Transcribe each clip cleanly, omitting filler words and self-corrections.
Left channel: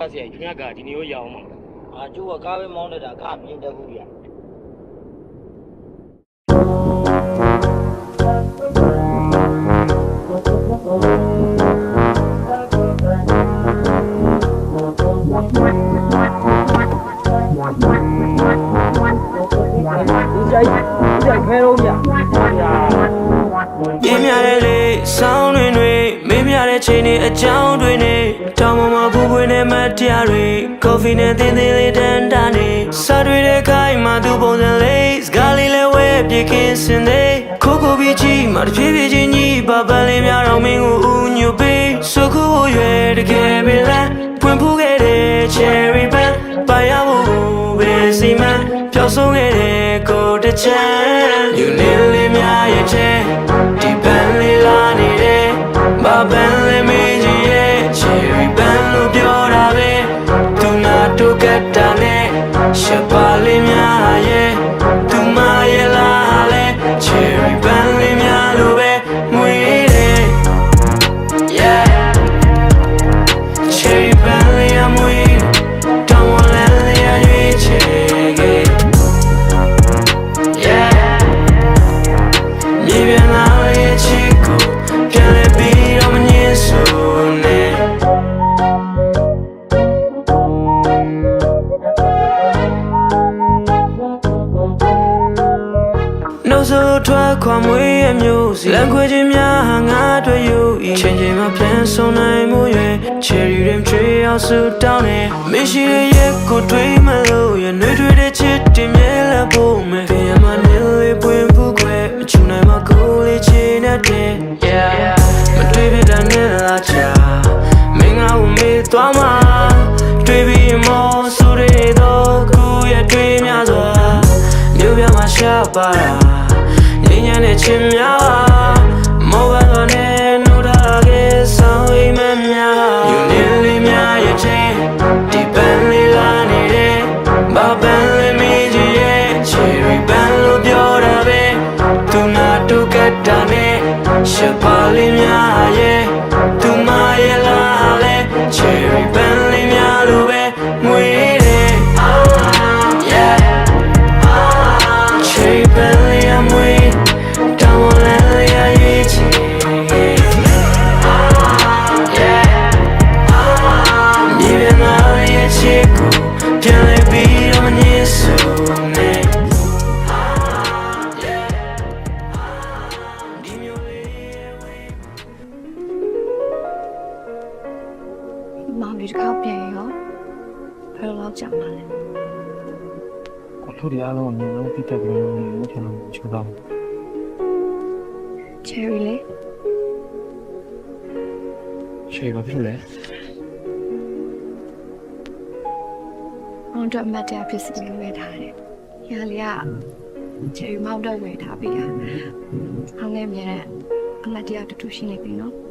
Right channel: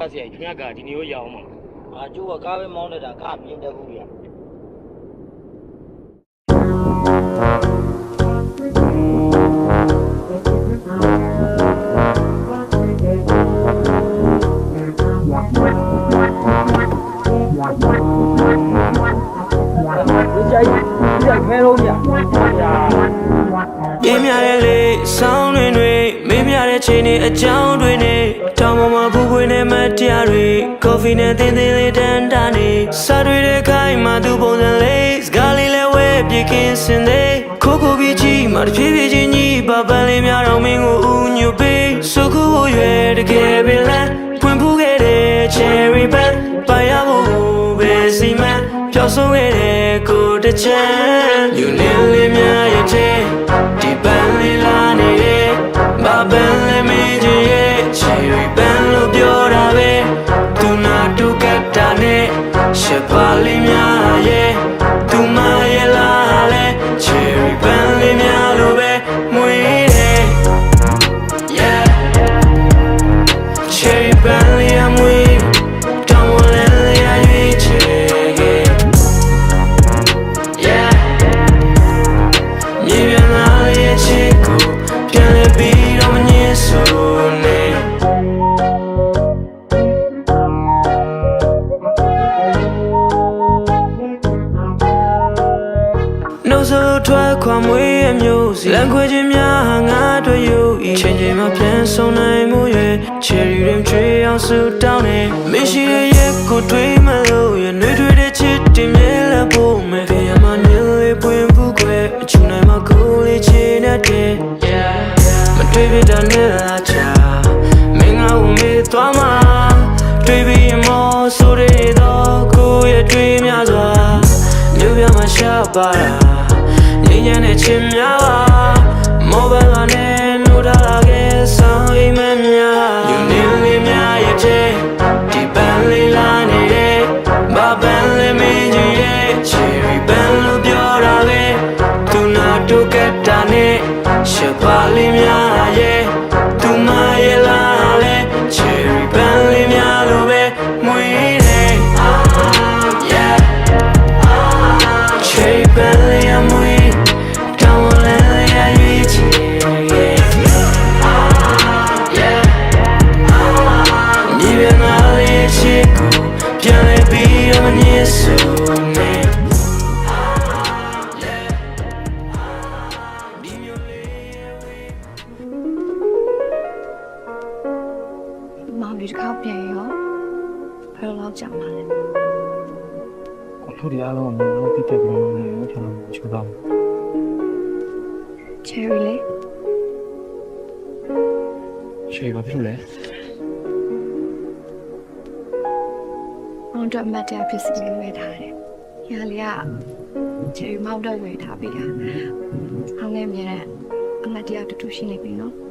ပတ်စရိုက်ခင်ဗျာကဒီနေကိုရအောင်ပါကျိုးကကားပဲမောင်းနေတာကမြင်တတ်ဘူးဗျာဒီကြိုက်ခဲတော့ဗျာပြင်းများတဲ့လေဆောင်းတွေမင်းများတဲ့ချိန်တွေအကြောင်းတွေနဲ့တောင်ပေါ်မှာဖူးပွေးနဲ့မတရားတွေကော်ဖီနဲ့သင်းသင်းလေးတန်းတာနေစားတွေတဲ့ခိုင်းမှသူပုံစံလေးစကားလေးလဲဝဲပြေကင်းစင်သေးခိုးပြီးချီမှတစ်ဖြည်းဖြည်းချင်းကြီးပပန်းလေးများတော့မင်းကိုဥညွတ်ပေးစုခုဖို့ရွယ်တကယ်ပဲလားဖွင့်ဖူးခဲ့တဲ့ cherry band ပါရဖို့ပဲစီမံပျောက်ဆုံးခဲ့တဲ့ကိုတချမ်းယူနေလေးများရဲ့တဲ့ဒီပန်းလေးလာနေတယ်ဘာပန်းလေးမင်းကြီးရဲ့ cherry band လို့ပြောတာပဲသူနာတို့ကတ်တာနဲ့ရှပ်ပါလေးများရဲ့သူမရဲ့လားလဲ cherry band လေးများလို့ပဲမွေးတယ် yeah cherry band လေးအမွေးတောင်းဝလန်းလေးအရွေးချယ်ခဲ့မြေပြန်လာရဲ့ချစ်ကိုပြန်လဲပြီးတော့မငြင်းဆိုနဲ့နှုတ်ဆိုထွက်ခွာမွေးရမျိုးစီလမ်းခွေခြင်းများငါတွေ့ယူဤချိန်ချိန်မှာပြန်ဆုံးနိုင်မှုရဲ့ cherry dream ချွေအောင်စုတောင်းနေမရှိတဲ့ရက်ကိုတွေးမလို့ရနှွေးထွေးတဲ့ချစ်တင်မြဲလက်ဖို့မယ်ဖေးမနေလေးပွင့်ဘူးခွဲမချူနိုင်မှာကိုလေးချင်တဲ့ yeah မတွေးပြတဲ့နဲ့လားချာမင်းငါ့ကိုမေးသွားမှာတွေးပြီးမောဆိုရတော့ကိုရဲ့တွေးများစွာမြို့ပြမှာရှာပါတာငြိမ်းချမ်းတဲ့ချင်များပါမောဘန်နဲ့နိုးထားခဲ့ဆောင်အိမ်မများယူနေလေးများရဲ့တဲ့ဒီပန်းလေးလာနေတယ်ဘာပန်းလေးမင်းကြီးရဲ့ cherry band လို့ပြောတာပဲသူနာတို့ကတ်တာနဲ့ရှပ်ပါလေးများရဲ့သူမရဲ့လားလဲ cherry band လေးများလို့ပဲမွေးတယ် yeah cherry band လေးအမွေးတောင်းဝလန်းလေးအရွေးချယ်ခဲ့မြေပြန်လာရဲ့ချစ်ကိုပြန်လဲပြီးတော့မငြင်းဆိုနဲ့မောင်ဒီတစ်ခါပြန်ရောဘယ်လိုကြောက်မှာလဲကိုတို့ဒီအားလုံးအမြင်လုံးတိတက်ပြီးတော့နေလို့ကျွန်တော်ချိုးတော့ cherry လေ ရှေ့ဘာဖြစ်လဲ မောင်တို့မတ်တရားဖြစ်စီလို့ဝယ်ထားတယ်။ညာလေးက cherry မောင်တို့ဝယ်ထားပေးတာ။ဟောင်းနေမြဲတဲ့အမတ်တရားတူတူရှိနေပြီနော်။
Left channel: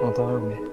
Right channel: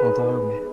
好的，没。